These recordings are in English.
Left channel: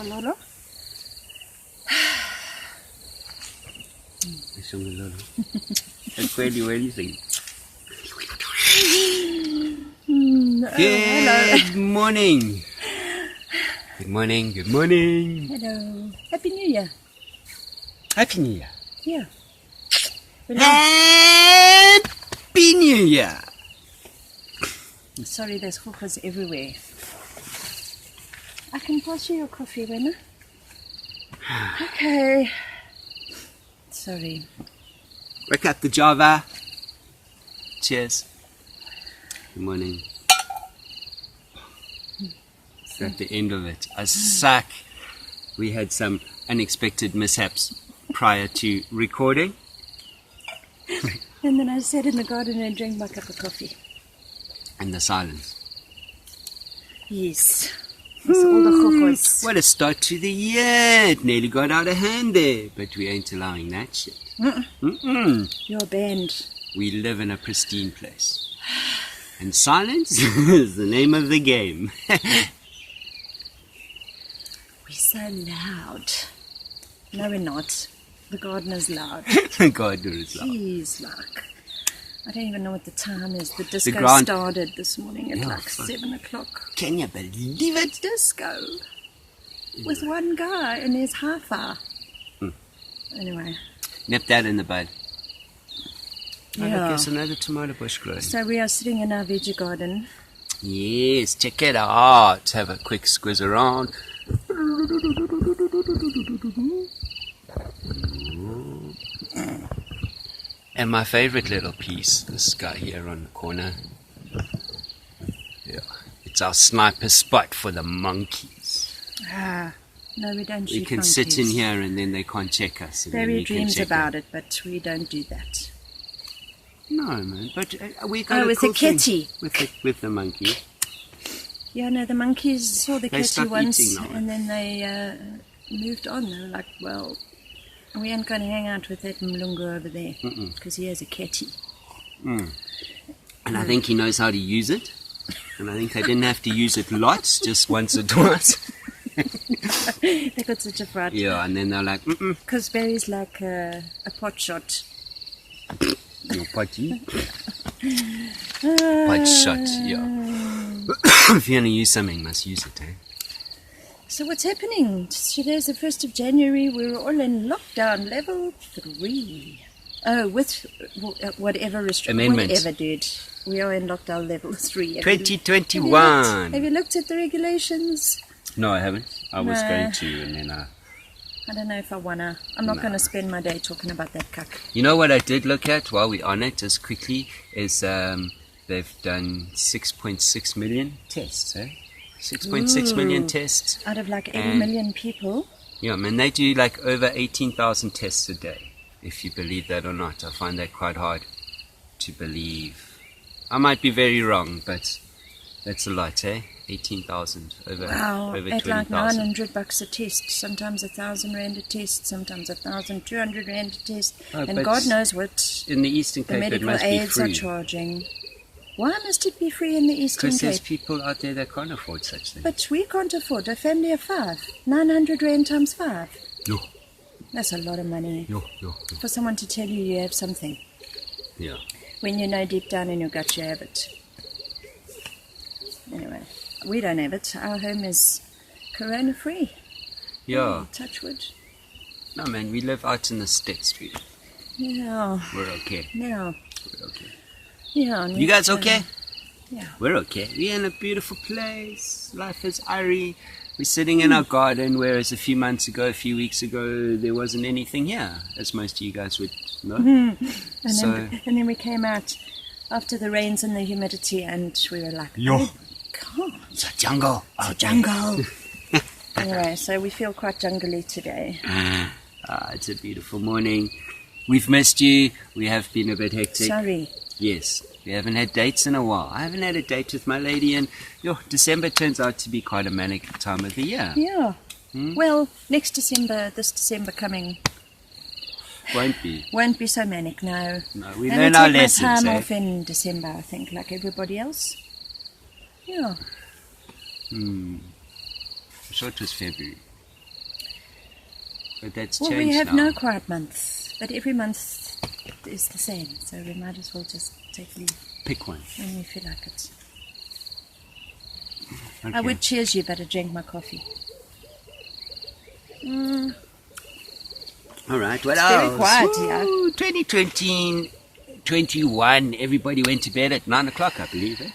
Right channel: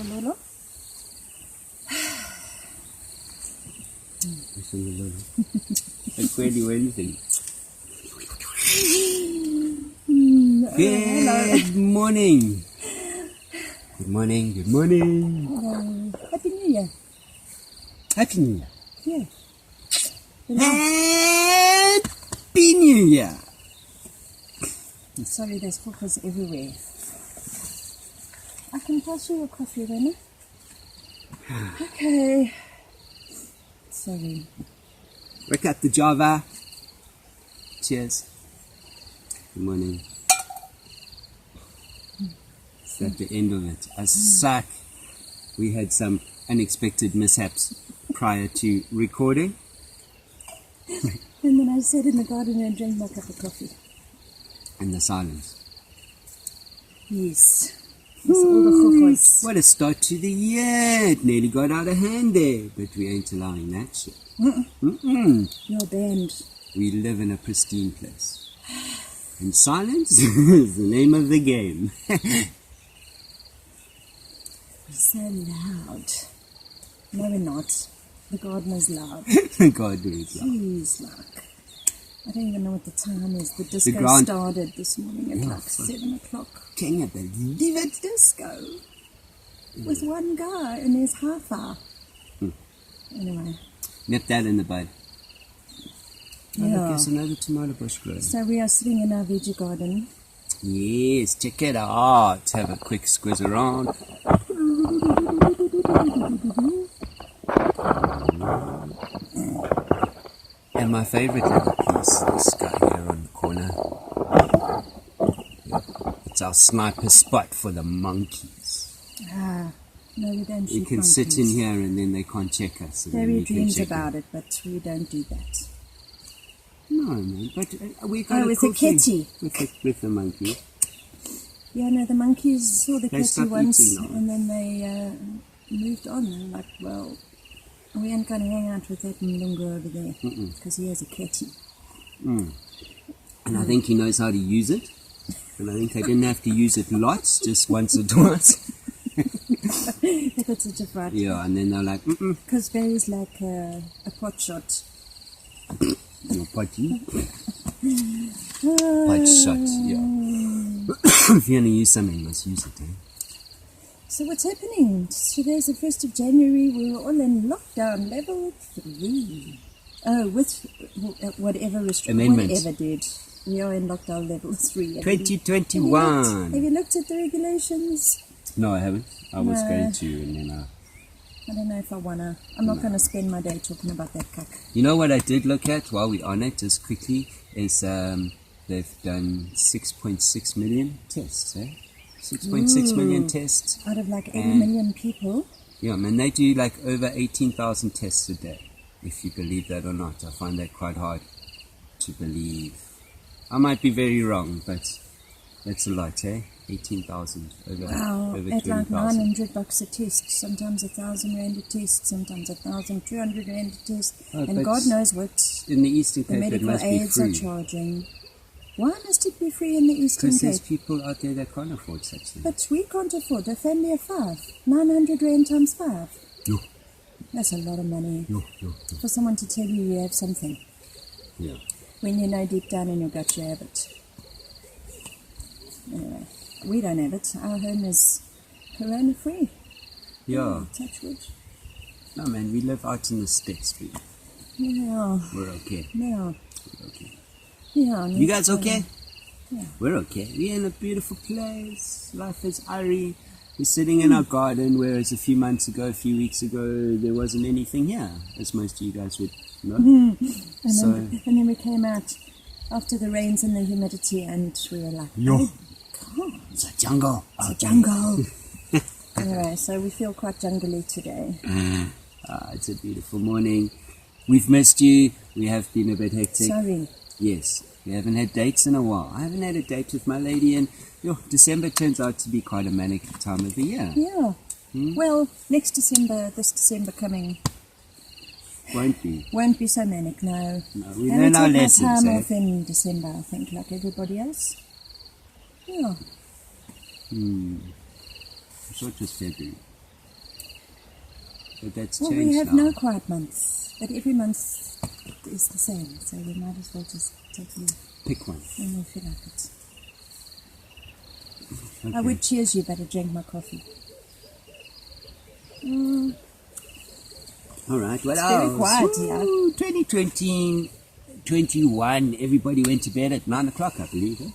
Lolo. That's really thing. Hello. Good morning. Good morning. Good morning. Hello. Happy New Year. Happy New Year. Yeah. Happy New Year. Sorry, there's hookahs everywhere. I can pass you your coffee, Wenna. Okay. Sorry. Wake up the Java. Cheers. Good morning. It's at the end of it. I suck. We had some unexpected mishaps prior to recording. And then I sat in the garden and drank my cup of coffee. And the silence. Yes. That's all the hookahs. What a start to the year. It nearly got out of hand there. But we ain't allowing that shit. You're banned. We live in a pristine place. And silence is the name of the game. We're so loud. No, we're not. The gardener's loud. The gardener is loud. Jeez, like, I don't even know what the time is. The disco grand- started this morning at Yeah, like fuck. 7 o'clock. Can you believe it? Disco. With one guy and his hi-fi. Anyway. Nip that in the bud. Oh, look, Yeah. there's another tomato bush growing. So we are sitting in our veggie garden. Yes, check it out. Have a quick squiz around. And my favorite little piece, this guy here on the corner. Yeah, it's our sniper spot for the monkeys. No, we don't shoot We can monkeys. sit in here and then they can't check us. And then Barry we can dreams check about them. it, but we don't do that. No, man, but we got Oh, a with cool the thing kitty. with the monkey. Yeah, no, the monkeys saw the They kitty stopped once eating now. and then they moved on. They were like, well, we ain't going to hang out with that Mlungu over there because he has a kitty. And I think he knows how to use it. And I think they didn't have to use it lots, just once or twice. They got such a fright. Yeah, and then they're like, Because Barry's like a pot shot. your potty. Pot shot, yeah. If you're going to use something, you must use it, eh? So what's happening? Today's the 1st of January. We're all in lockdown, level 3. Oh, with whatever Amendment. whatever, dude. We are in lockdown level 3. Have you 2021. Have you looked at the regulations? No, I haven't. I was No. going to, and then I don't know if I wanna. I'm not going to spend my day talking about that cuck. You know what I did look at while we're on it, just quickly, is they've done 6.6 million tests, eh? 6.6 million tests. Out of like 80 And- million people. Yeah, man, they do like over 18,000 tests a day. If you believe that or not, I find that quite hard to believe. I might be very wrong, but that's a lot, eh? 18,000 over Wow, over at like 20,000. $900 a test. Sometimes 1,000 rand a test. Sometimes 1,200 rand a test. Oh, and but God knows what In the Eastern the Cape, it medical must be aides are free. charging. Why must it be free in the Eastern Because there's Cape? people out there that can't afford such things. But we can't afford a family of 5. 900 rand times 5. Yo, That's a lot of money yo. for someone to tell you you have something. Yeah. When you know deep down in your gut you have it. Anyway, we don't have it. Our home is corona free. Yeah. Touch wood. No, man, we live out in the sticks, dude. Yeah. We're okay. Yeah. We're okay. Yeah. and You we've guys got okay? Yeah. We're okay. We're in a beautiful place. Life is airy. We're sitting in our garden, whereas a few weeks ago, there wasn't anything here, as most of you guys would know. And So- then we came out after the rains and the humidity and we were like, Yo. oh, God, It's a jungle. it's a jungle. Anyway, so we feel quite jungly today. It's a beautiful morning. We've missed you. We have been a bit hectic. Sorry. Yes, we haven't had dates in a while. I haven't had a date with my lady, and December turns out to be quite a manic time of the year. Yeah. Well, this December coming, Won't be. won't be so manic, no. No, we And learn I our take my lessons, time eh? off in December, I think, like everybody else. Yeah. I'm sure it was February. But that's Well, changed we have now. no quiet month, but every month is the same, so we might as well just take leave Pick one. when we feel like it. Okay. I would cheers you, but I drank my coffee. All right, what It's else? very quiet here. Woo, 2020, 21, everybody went to bed at 9 o'clock, I believe.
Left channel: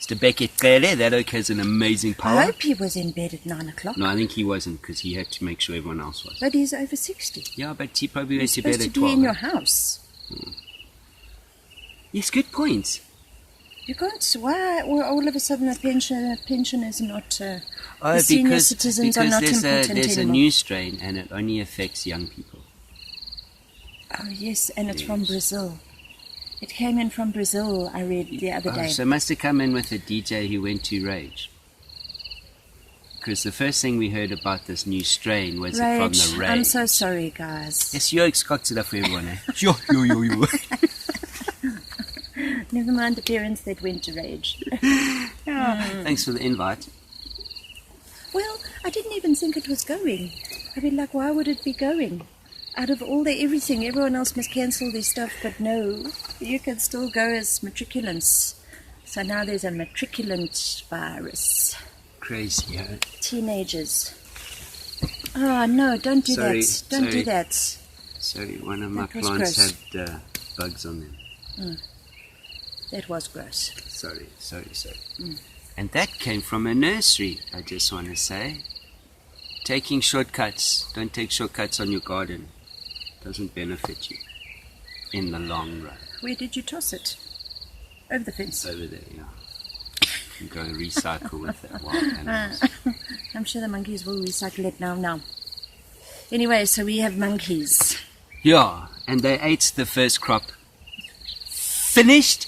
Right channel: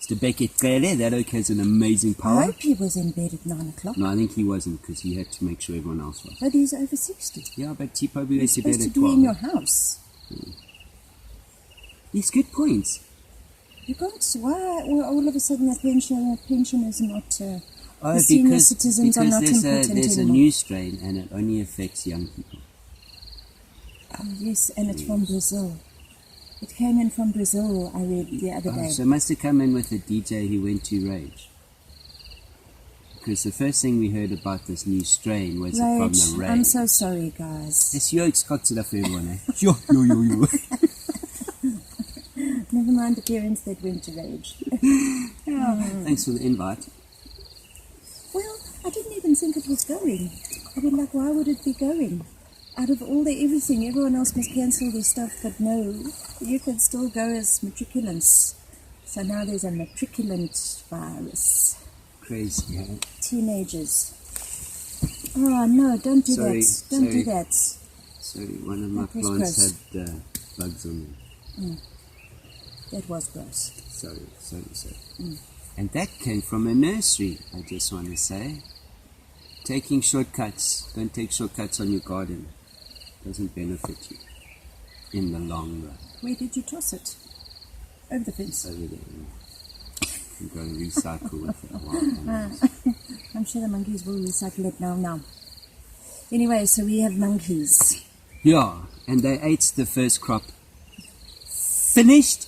Mr. Beckett Kele, that oak has an amazing I power. hope he was in bed at 9 o'clock. No, I think he wasn't, because he had to make sure everyone else was. But he's over 60. Yeah, but he probably You're went to bed supposed to at be 12. in your house. Yes, good points. You can't. Why all of a sudden a pension is not? The Oh, senior citizens are not important there's a anymore. new strain, and it only affects young people. Oh yes, and it's from Brazil. It came in from Brazil. I read the other day. So it must have come in with a DJ who went to Rage. Because the first thing we heard about this new strain was it from the Rage. I'm so sorry, guys. Yes, you're excocted for everyone, eh? Yo. Never mind the parents that went to Rage. Thanks for the invite. Well, I didn't even think it was going. I mean, like, why would it be going? Out of all the everything, everyone else must cancel their stuff, but no, you can still go as matriculants. So now there's a matriculant virus. Crazy, huh? Teenagers. Oh, no, don't do Sorry, that. Don't do sorry. that. Sorry, one of my That was plants gross. had bugs on them. That was gross. Sorry. And that came from a nursery, I just want to say. Taking shortcuts. Don't take shortcuts on your garden. Doesn't benefit you in the long run. Where did you toss it? Over the fence. Over there, yeah. You go recycle with the wild animals. I'm sure the monkeys will recycle it now. Anyway, so we have monkeys. Yeah, and they ate the first crop. Finished.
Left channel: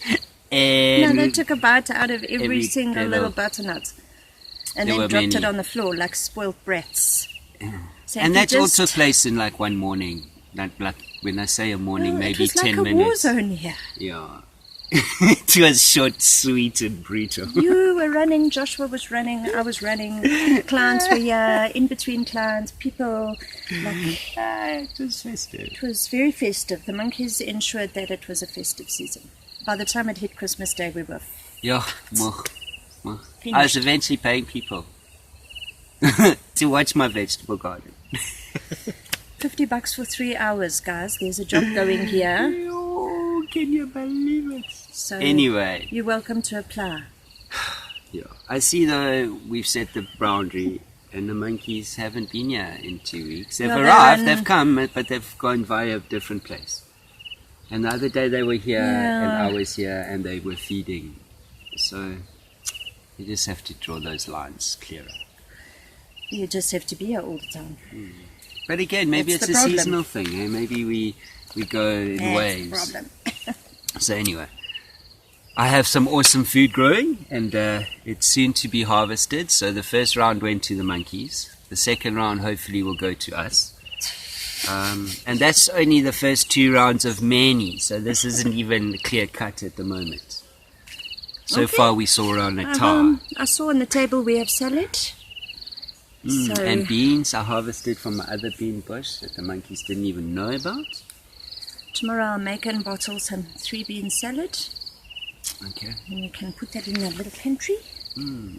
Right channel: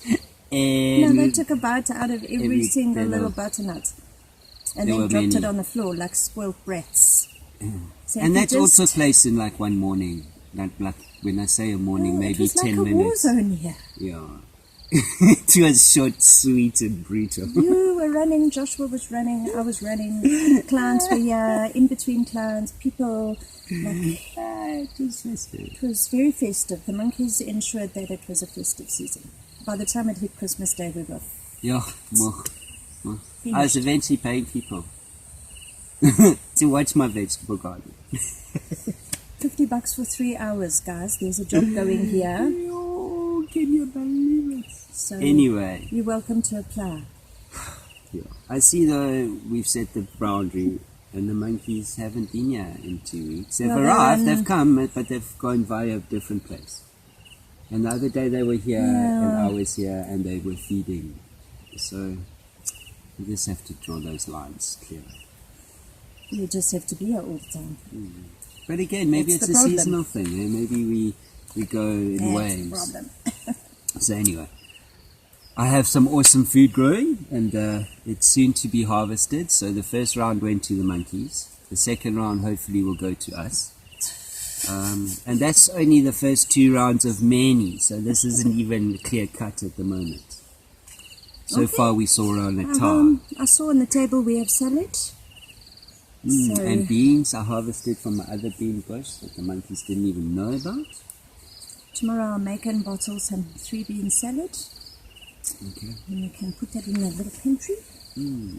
And No, they took a bite out of every single little- little butternut. And There then were dropped it many. on the floor like spoilt brats. So and if you that all just- took place in like one morning. Like when I say a morning, Oh, maybe it was 10 like a war minutes. zone here. Yeah. It was short, sweet, and brutal. You were running, Joshua was running, I was running, clients were here, in between clients, people, like, It was festive. it was very festive. The monkeys ensured that it was a festive season. By the time it hit Christmas Day, we were Yeah. Well, I was finished. eventually paying people to watch my vegetable garden. $50 for 3 hours, guys. There's a job going here. Oh, can you believe it? So Anyway, you're welcome to apply. yeah. I see though we've set the boundary and the monkeys haven't been here in 2 weeks. They've Well, they're arrived, on- they've come, but they've gone via a different place. And the other day they were here and Yeah. I was here and they were feeding. So you just have to draw those lines clearer. You just have to be here all the time. But again, maybe That's it's the a problem. seasonal thing. Eh? Maybe we go in That's waves. the problem. So anyway, I have some awesome food growing and it's soon to be harvested. So the first round went to the monkeys. The second round hopefully will go to us. And that's only the first 2 rounds of many. So this isn't even clear cut at the moment. So Okay. far we saw around a tar. I saw on the table we have salad. So And beans I harvested from my other bean bush that the monkeys didn't even know about. tomorrow I'll make and bottle some 3-bean salad. Okay. And you can put that in a little pantry.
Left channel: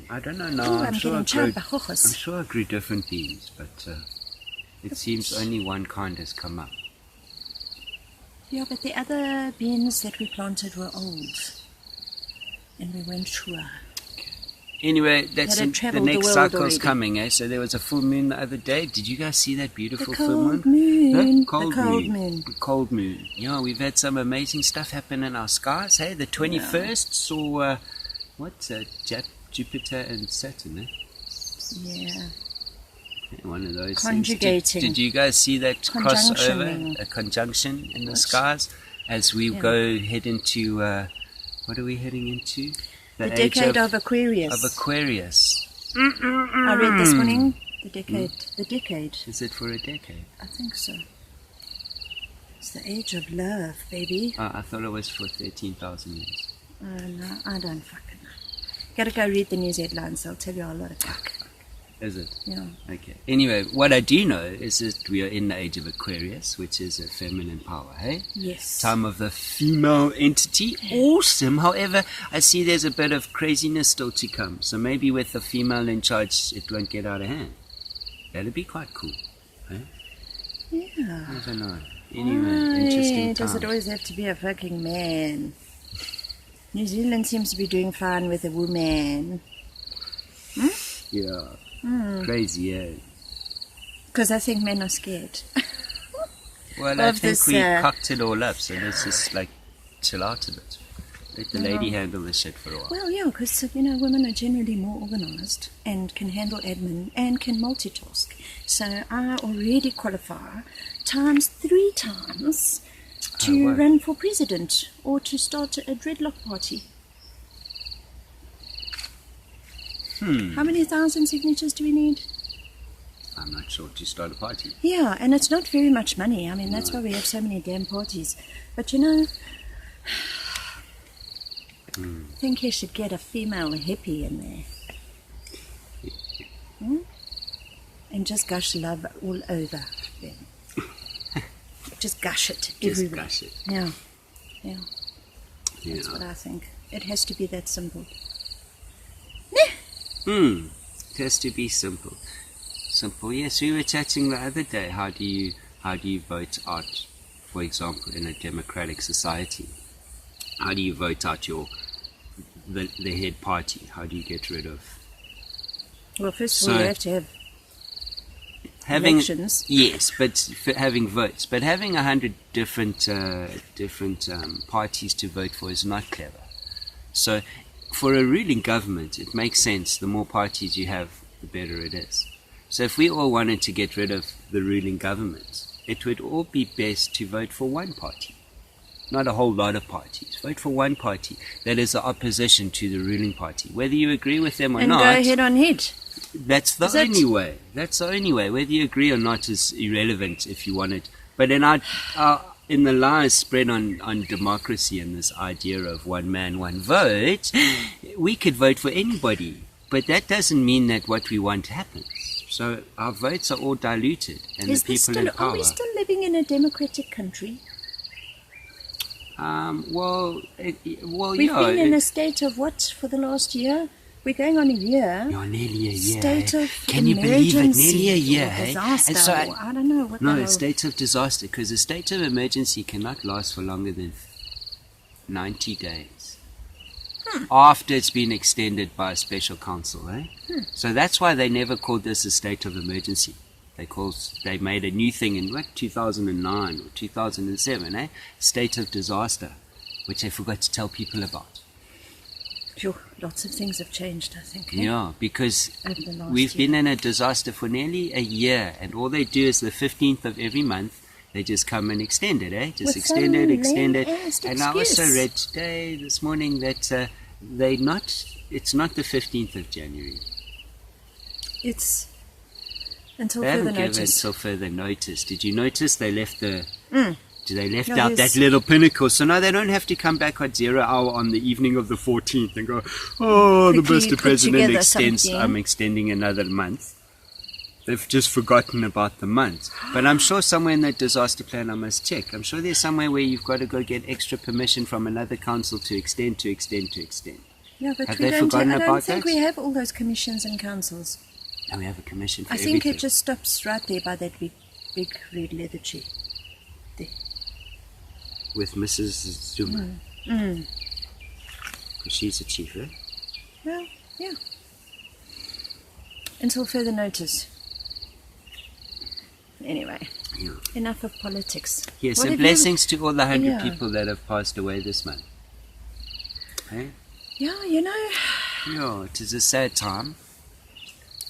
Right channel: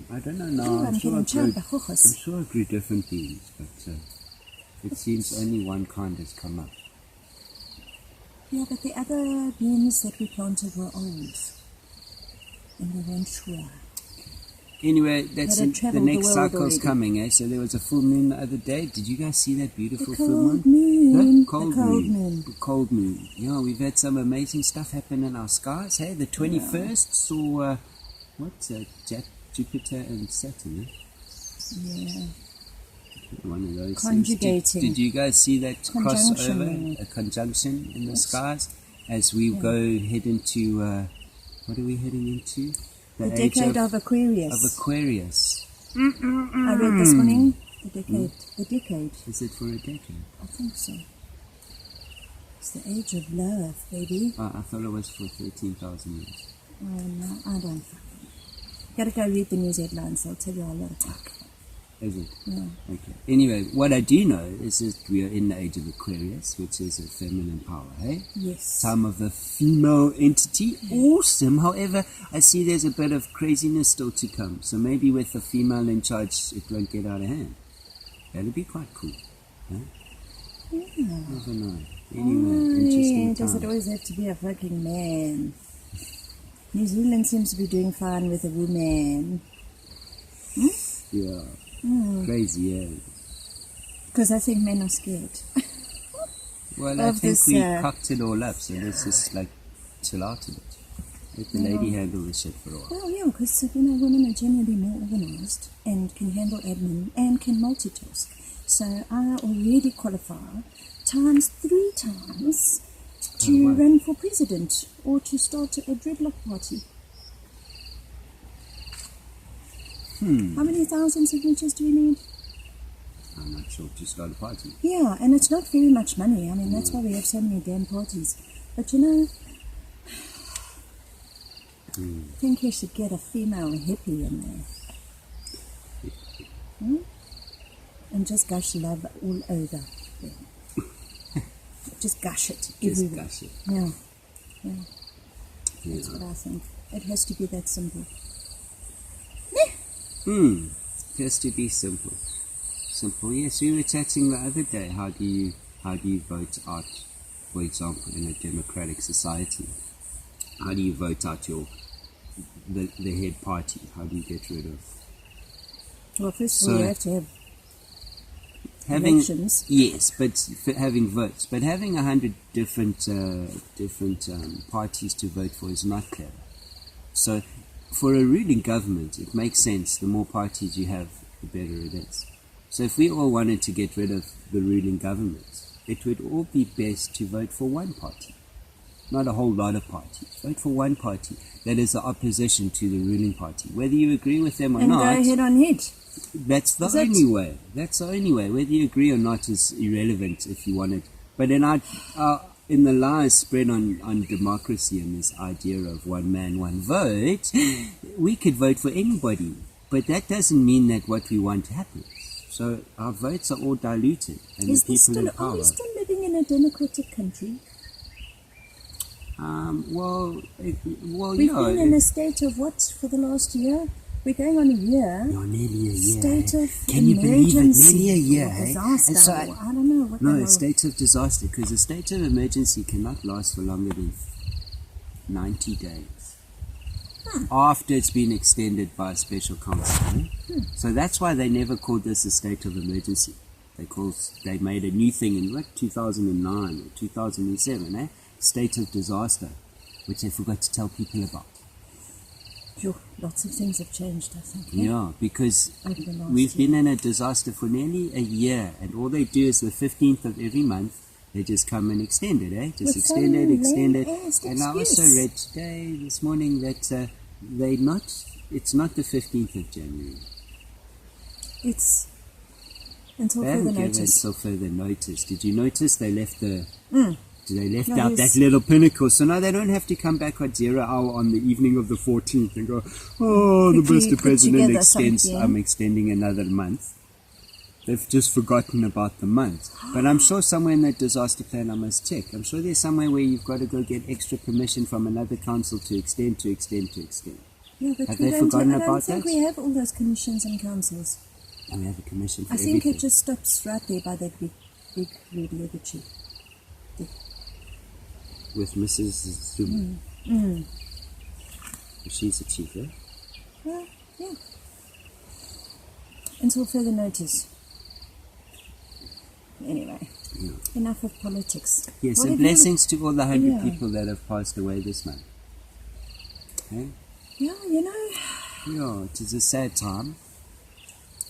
I don't know now. Oh, I'm sure getting I charred by grew- I'm hochos. sure I grew different beans, but it seems only one kind has come up. Yeah, but the other beans that we planted were old. And we weren't sure. Anyway, that's That had the travelled the next world cycle's already. coming, eh? So there was a full moon the other day. Did you guys see that beautiful The full cold moon? moon. Huh? The cold moon. The cold moon. Yeah, we've had some amazing stuff happen in our skies. Hey, the 21st saw Jupiter and Saturn. Eh? Yeah. One of those Conjugating. things. Did you guys see that Conjunctioning. crossover? A conjunction in the skies as we head into what are we heading into? The age decade of Aquarius. of Aquarius. I read this morning. The decade. The decade. Is it for a decade? I think so. It's the age of love, baby. I thought it was for 13,000 years. No, I don't fucking know. Gotta go read the news headlines. They'll tell you a lot of fuck. Is it? Yeah. Okay. Anyway, what I do know is that we are in the age of Aquarius, which is a feminine power, hey? Yes. Time of the female entity. Awesome. However, I see there's a bit of craziness still to come. So maybe with the female in charge, it won't get out of hand. That'd be quite cool, hey? Yeah. Never know. Anyway, interesting Does it times. always have to be a fucking man? New Zealand seems to be doing fine with a woman. Yeah. Crazy, yeah. Because I think men are scared. Well, I Of think this, we cocked it all up, so let's just, chill out a bit. Let the lady handle this shit for a while. Well, yeah, because, women are generally more organised and can handle admin and can multitask. So I already qualify times 3 times to wow. run for president or to start a dreadlock party. How many thousand signatures do we need? I'm not sure to start a party. Yeah, and it's not very much money. I mean, that's why we have so many damn parties. But I think you should get a female hippie in there. And just gush love all over them. Just gush it Just everywhere. gush it. Yeah. Yeah. That's what I think. It has to be that simple. It has to be simple. Simple. Yes, we were chatting the other day. How do you vote out, for example, in a democratic society? How do you vote out the head party? How do you get rid of Well, first of all, you have to have having elections. Yes, but having votes. But having 100 different parties to vote for is not clever. So, for a ruling government, it makes sense. The more parties you have, the better it is. So if we all wanted to get rid of the ruling government, it would all be best to vote for one party. Not a whole lot of parties. Vote for one party that is the opposition to the ruling party. Whether you agree with them or And not, go head on head. that's the Is it? only way. That's the only way. Whether you agree or not is irrelevant if you want it. But in the lies spread on democracy and this idea of one man, one vote, we could vote for anybody. But that doesn't mean that what we want happens. So our votes are all diluted, and the people in power. Are we still living in a democratic country? We've been in a state of what for the last year? We're going on a year. You're nearly a year. State of Can you believe it? emergency Nearly a year, or hey? disaster. And so Or I don't know what. no, the it's hell. state of disaster, because a state of emergency cannot last for longer than 90 days. After it's been extended by a special council, right? So that's why they never called this a state of emergency. They made a new thing in 2009 or 2007, eh? State of disaster, which they forgot to tell people about. Phew, lots of things have changed, I think. eh? Yeah, because Over the last we've year. been in a disaster for nearly a year, and all they do is the 15th of every month, they just come and extend it, eh? Just With extend some it, extend it. lame-ass And I also excuse. read this morning that it's not the 15th of January. It's until They further haven't given notice. until further notice. Did you notice they left They left Yeah, out there's- that little pinnacle, so now they don't have to come back at 0 hour on the evening of the 14th and go, oh, the Quickly Mr. put President together extends, something. I'm extending another month. They've just forgotten about the month. But I'm sure somewhere in that disaster plan, I must check. I'm sure there's somewhere where you've got to go get extra permission from another council to extend. Yeah, but Have we they don't. forgotten I don't about think that? we have all those commissions and councils. And we have a commission for I think everything. it just stops right there by that big red leather chair. There. With Mrs. Zuma. Mm. She's a chief, eh? Well, yeah. Until further notice. Anyway, Yeah. enough of politics. Yes, What and have you- blessings to all the 100 Yeah. people that have passed away this month. Okay? Yeah, Yeah, it is a sad time.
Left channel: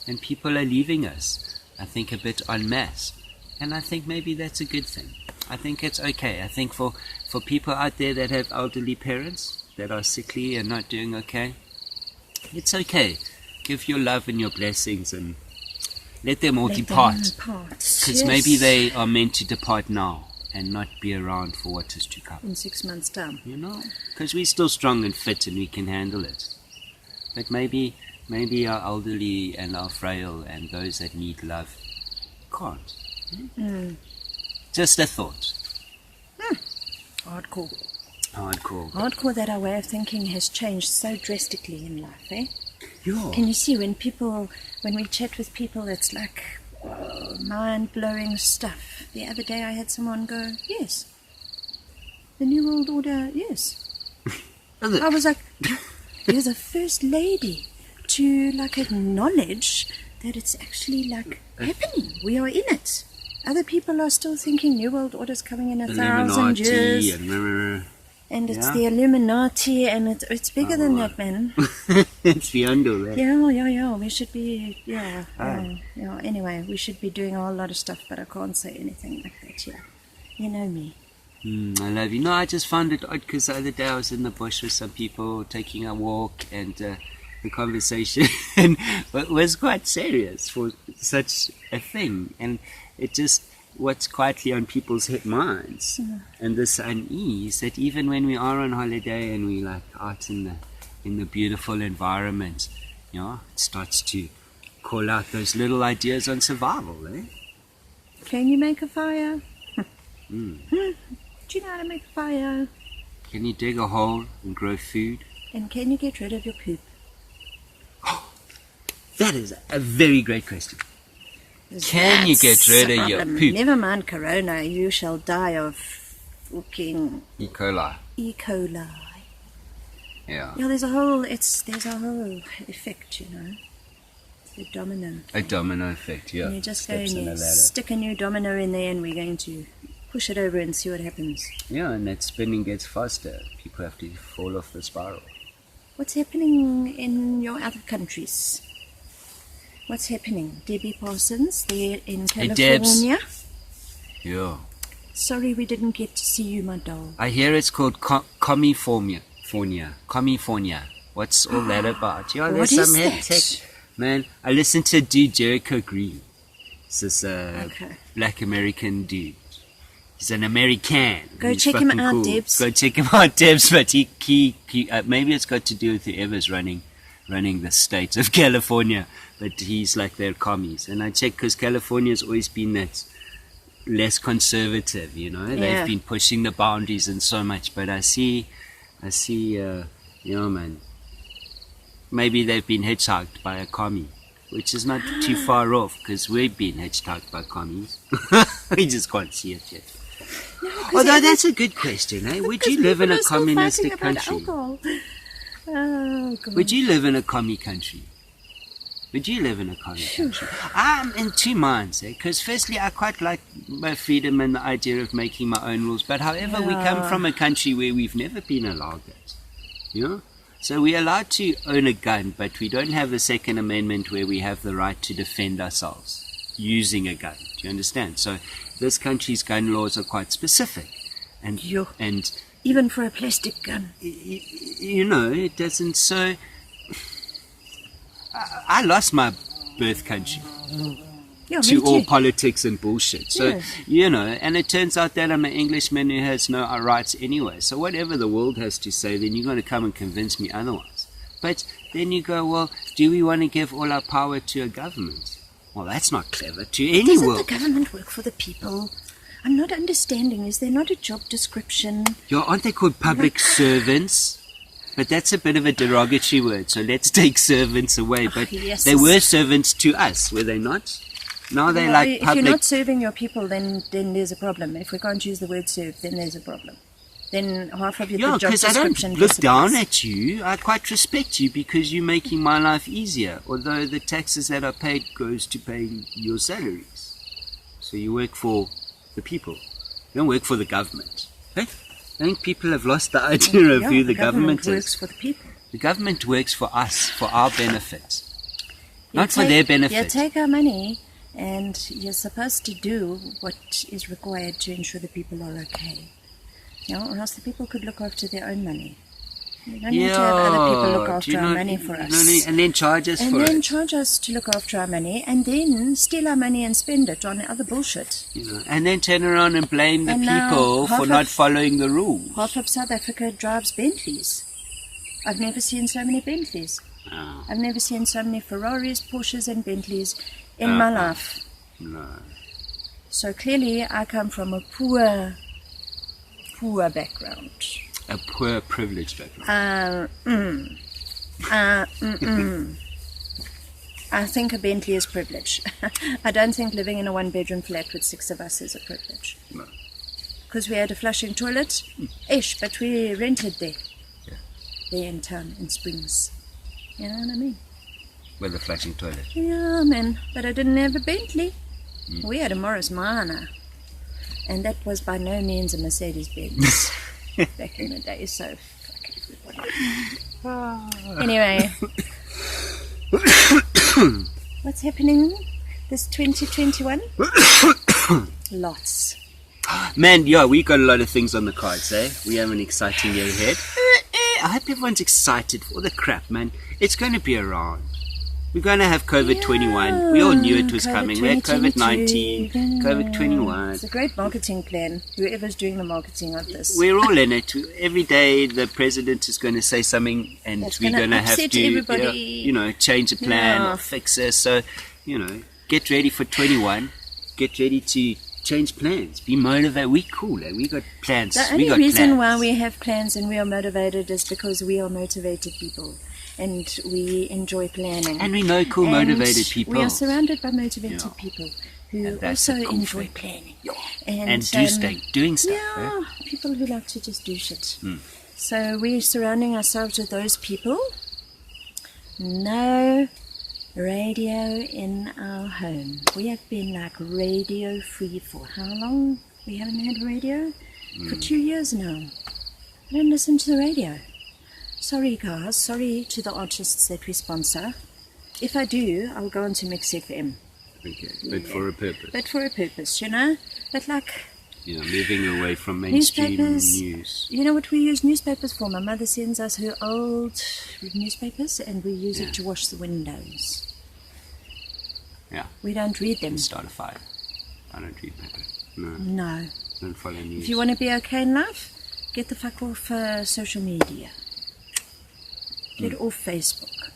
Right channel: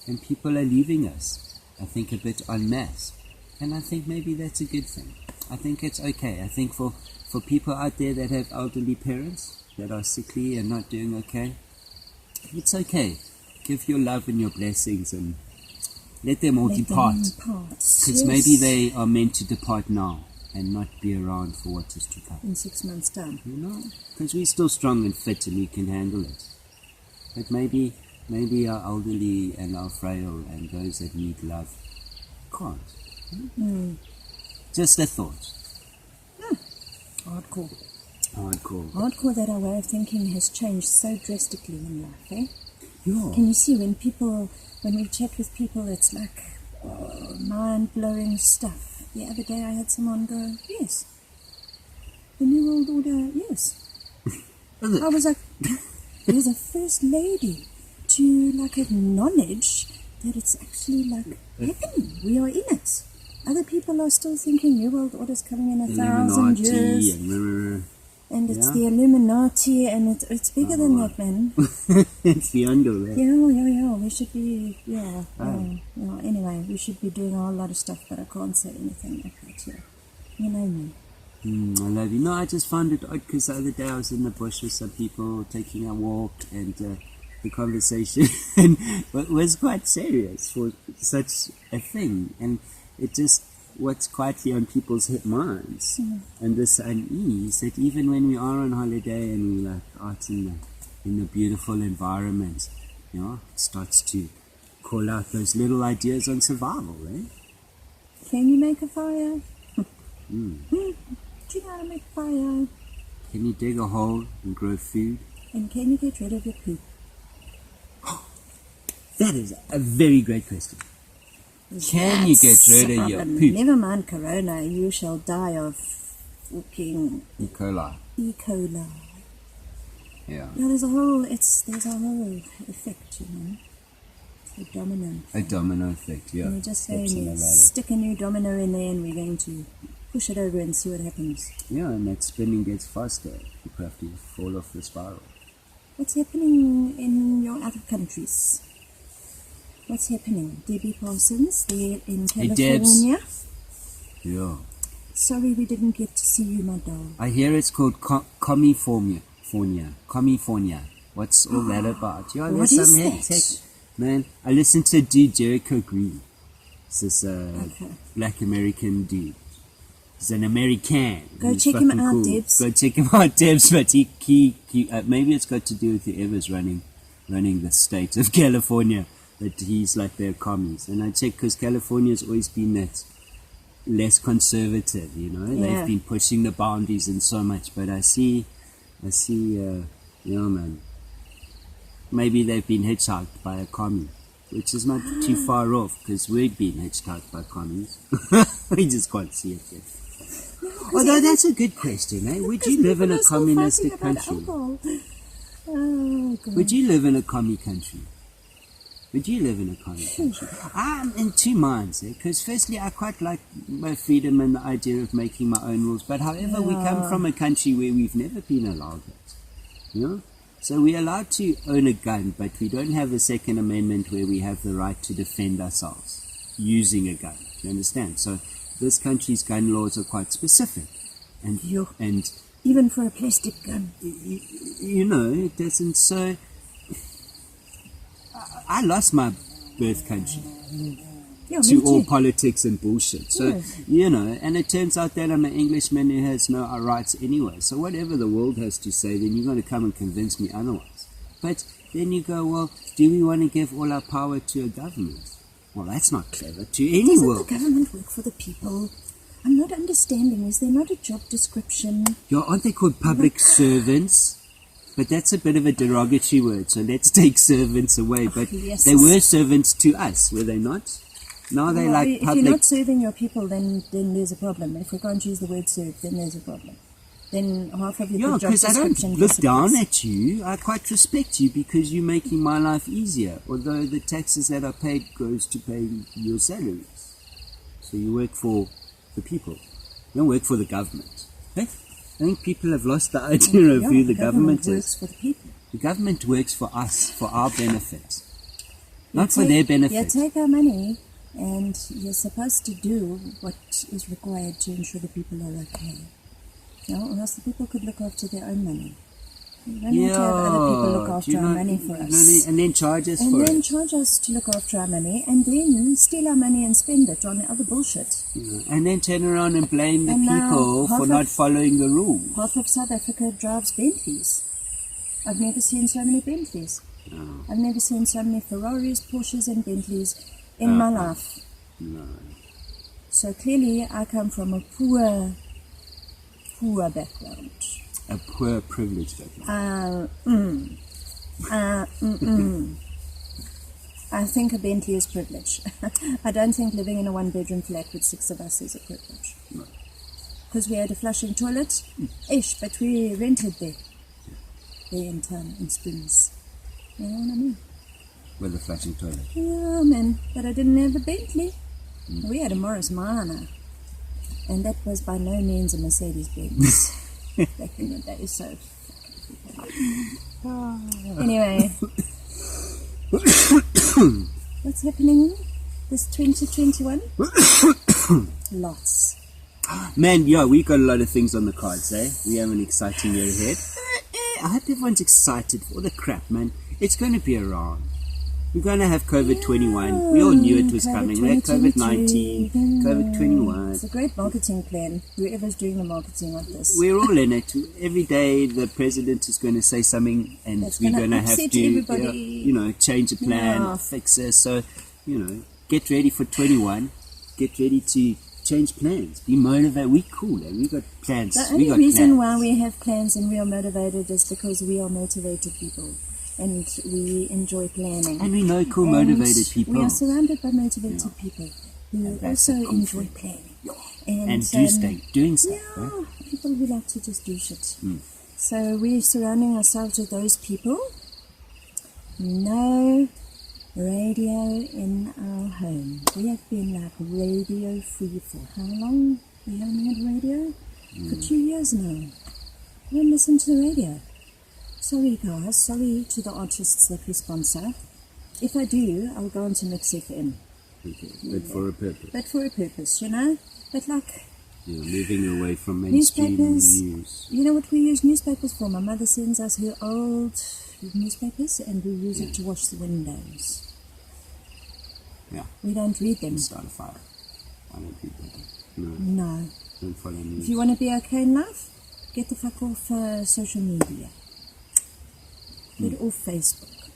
And people are leaving us, I think, a bit en masse. And I think maybe that's a good thing. I think it's okay. I think for people out there that have elderly parents that are sickly and not doing okay, it's okay. Give your love and your blessings and let them all depart. Because maybe they are meant to depart now and not be around for what is to come. in 6 months' time. You know? Because we're still strong and fit and we can handle it. But maybe Maybe our elderly and our frail and those that need love can't. Just a thought. Hardcore. Hardcore. That our way of thinking has changed so drastically in life, eh? Yeah. Can you see when we chat with people, it's like mind-blowing stuff. The other day I had someone go, yes, the New World Order, yes. I was like, you're the first lady to like acknowledge that it's actually like happening. We are in it. Other people are still thinking New World Order's coming in 1,000 years. And it's the Illuminati, and it's bigger than that, man. It's beyond all that. Yeah. We should be, Anyway, we should be doing a whole lot of stuff, but I can't say anything like that here. You know me. I love you. No, I just found it odd because the other day I was in the bush with some people taking a walk, and the conversation was quite serious for such a thing. And it just... what's quietly on people's minds, and this unease that even when we are on holiday and we like out in the beautiful environment, it starts to call out those little ideas on survival, eh? Can you make a fire? Do you know how to make a fire? Can you dig a hole and grow food? And can you get rid of your poop? That is a very great question. Can you get rid of your poop? Never mind corona, you shall die of fucking E. coli. Yeah. Yeah, there's a whole effect, It's a domino. A domino effect, yeah. And you just go and you stick a new domino in there, and we're going to push it over and see what happens. Yeah, and that spinning gets faster. People have to fall off the spiral. What's happening in your other countries? What's happening? Debbie Parsons, there in California. Yeah. Sorry we didn't get to see you, my doll. I hear it's called California. What's all that about? Yeah, What is that? Man, I listened to a dude, Jericho Green. This black American dude. He's an American. Go check him out, cool. Debs. Go check him out, Debs. But he maybe it's got to do with whoever's running the state of California. But he's like their commies. And I check because California's always been that less conservative, They've been pushing the boundaries and so much. But I see, man. Maybe they've been hitchhiked by a commie, which is not too far off because we've been hitchhiked by commies. We just can't see it yet. No, although that's a good question, eh? Would you live in a communistic country? Oh, God. Would you live in a commie country? Would you live in a commie country? I'm in two minds, because firstly, I quite like my freedom and the idea of making my own rules. But however, we come from a country where we've never been allowed that, So we're allowed to own a gun, but we don't have a Second Amendment where we have the right to defend ourselves using a gun. Do you understand? So this country's gun laws are quite specific. And even for a plastic gun. It doesn't... So... I lost my birth country to all politics and bullshit. So, and it turns out that I'm an Englishman who has no rights anyway. So whatever the world has to say, then you're going to come and convince me otherwise. But then you go, well, do we want to give all our power to a government? Well, that's not clever to any world. Doesn't the government work for the people? I'm not understanding. Is there not a job description? Yeah, aren't they called public servants? But that's a bit of a derogatory word, so let's take servants away. But they were servants to us, were they not? Now they're like public... If you're not serving your people, then there's a problem. If we can't use the word serve, then there's a problem. Then half of your job description... Yeah, because I don't look down at you. I quite respect you because you're making my life easier. Although the taxes that are paid goes to paying your salaries. So you work for the people. You don't work for the government. Hey? I think people have lost the idea of who the government is. The government works for the people. The government works for us, for our benefit. Not for their benefit. You take our money and you're supposed to do what is required to ensure the people are okay. Or else the people could look after their own money. You don't need to have other people look after our money for us. And then charge us for it. And then charge us to look after our money, and then steal our money and spend it on other bullshit. And then turn around and blame the people for not following the rules. Half of South Africa drives Bentleys. I've never seen so many Bentleys. Oh, I've never seen so many Ferraris, Porsches and Bentleys in my life. no. So clearly I come from a poor background. A poor privileged background. I think a Bentley is privilege. I don't think living in a one-bedroom flat with 6 of us is a privilege. No. Because we had a flushing toilet. But we rented there. Yeah. There in town, in Springs. You know what I mean? With a flushing toilet. Yeah, man. But I didn't have a Bentley. We had a Morris Minor. And that was by no means a Mercedes-Benz back in the day. So, fuck everybody. Anyway. What's happening this 2021? Lots. Man, yeah, we got a lot of things on the cards, eh? We have an exciting year ahead. I hope everyone's excited for all the crap, man. It's going to be around. We're going to have COVID-21. We all knew it was coming. We had COVID-19, COVID-21. It's a great marketing plan, whoever's doing the marketing of this. We're all in it. Every day the president is going to say something and That's we're going to have upset to, everybody. change a plan or fix it. So, get ready for 21. Get ready to change plans. Be motivated. We cool. We got plans. The only reason why we have plans and we are motivated is because we are motivated people. And we enjoy planning. And we know cool, motivated people. We are surrounded by motivated people who also enjoy planning. And doing stuff. Yeah, people who like to just do shit. So we're surrounding ourselves with those people. No radio in our home. We have been like radio free for how long? We haven't had radio? For 2 years now. I don't listen to the radio. Sorry guys, sorry to the artists that we sponsor. If I do, I'll go on to Mix FM. Okay, but for a purpose. But for a purpose, But like... moving away from mainstream news. You know what we use newspapers for? My mother sends us her old newspapers and we use it to wash the windows. Yeah. We don't read them. Start a fire. I don't read paper. No. Don't follow news. If you want to be okay in life, get the fuck off social media. Get off Facebook.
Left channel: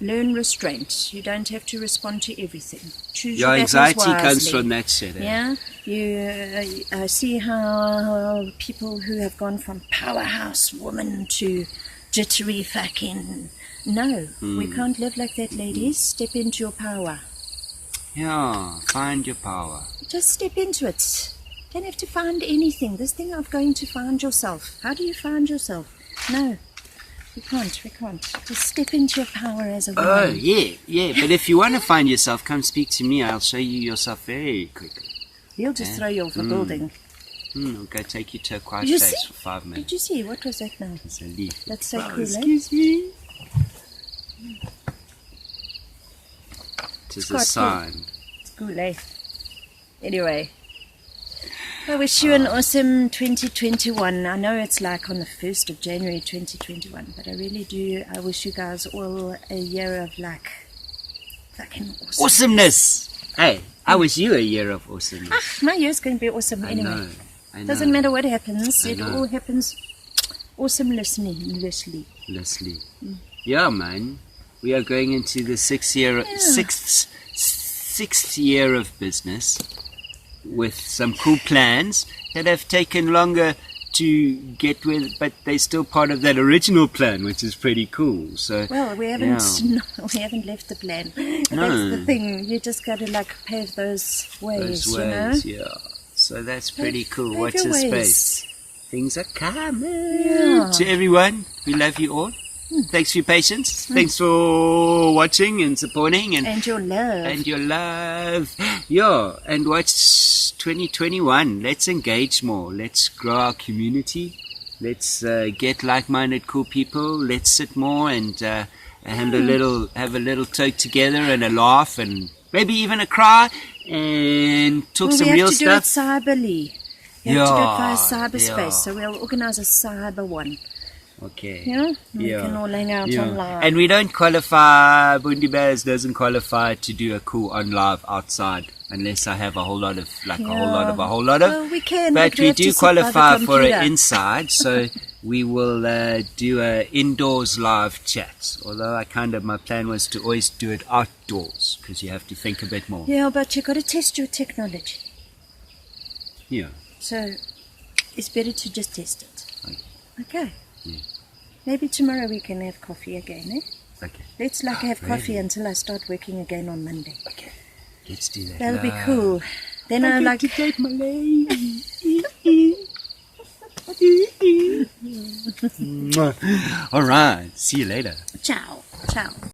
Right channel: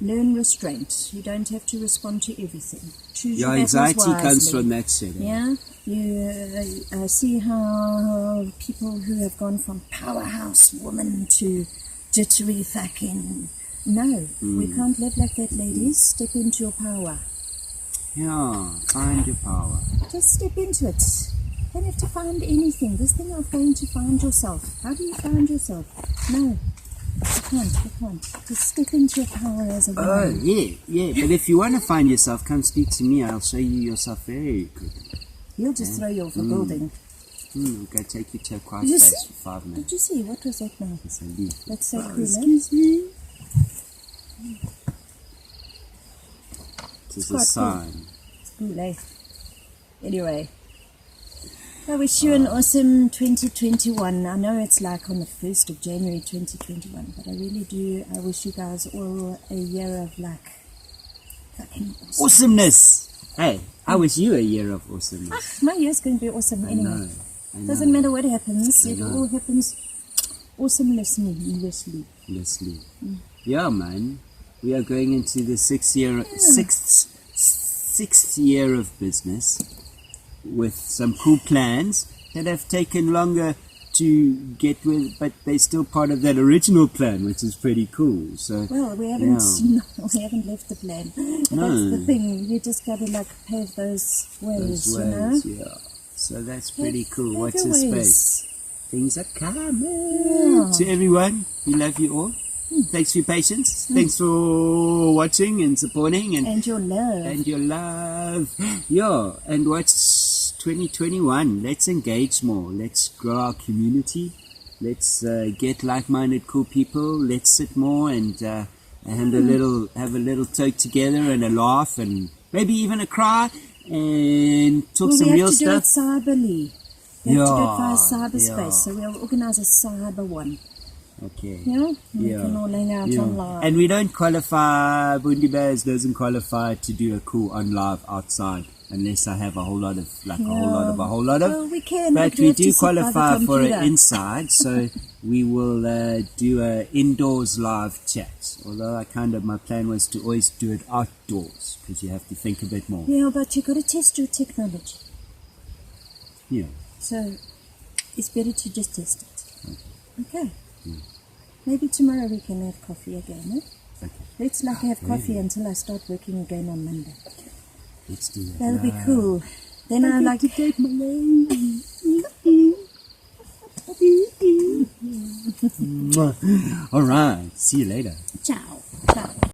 Learn restraint. You don't have to respond to everything. Choose your battles anxiety wisely. comes from that shit. Yeah, you see how people who have gone from powerhouse woman to jittery fucking... No, we can't live like that, ladies. Step into your power. Yeah, find your power. Just step into it. Don't have to find anything. This thing of going to find yourself. How do you find yourself? No. We can't. Just step into your power as a woman. Oh, yeah. But if you want to find yourself, come speak to me. I'll show you yourself very quickly. He'll just throw you off a building. I'll go take you to a quiet place for 5 minutes. Did you see? What was that now? It's a leaf. That's so cool, Excuse me. It is a sign. Cool. It's cool, eh? Anyway. I wish you an awesome 2021. I know it's like on the 1st of January 2021, but I really do. I wish you guys all a year of like fucking awesomeness. Hey, I wish you a year of awesomeness. My year's going to be awesome anyway. I know. Doesn't matter what happens. It all happens awesomelessly. Yeah, man. We are going into the sixth year of business, with some cool plans that have taken longer to get with, but they're still part of that original plan, which is pretty cool. So we haven't left the plan. No. That's the thing. You just got to like pave those ways, you know. Yeah. So that's pretty cool. Pave Watch your the ways. space. Things are coming. Yeah. To everyone, we love you all. Thanks for your patience. Thanks for watching and supporting And your love. Yeah, and watch 2021. Let's engage more. Let's grow our community. Let's get like-minded, cool people. Let's sit more and have a little talk together and a laugh and maybe even a cry and talk some real stuff. We have to do it cyberly. We have to do it via cyberspace. So we'll organize a cyber one. Okay. Yeah? We Yeah. can all hang out Yeah. on live. And we don't qualify, Bundi Bears doesn't qualify to do a cool on live outside unless I have a whole lot of. Well, we can, But we we have to do sit by the qualify for computer. an inside, so we will do a indoors live chat. Although my plan was to always do it outdoors because you have to think a bit more. Yeah, but you've got to test your technology. Yeah. So it's better to just test it. Okay. Okay. Yeah. Maybe tomorrow we can have coffee again, eh? Okay. Let's have coffee Really? until I start working again on Monday. Okay. Let's do that. That'll be cool. Then I like to take my lady. All right. See you later. ciao. Ciao.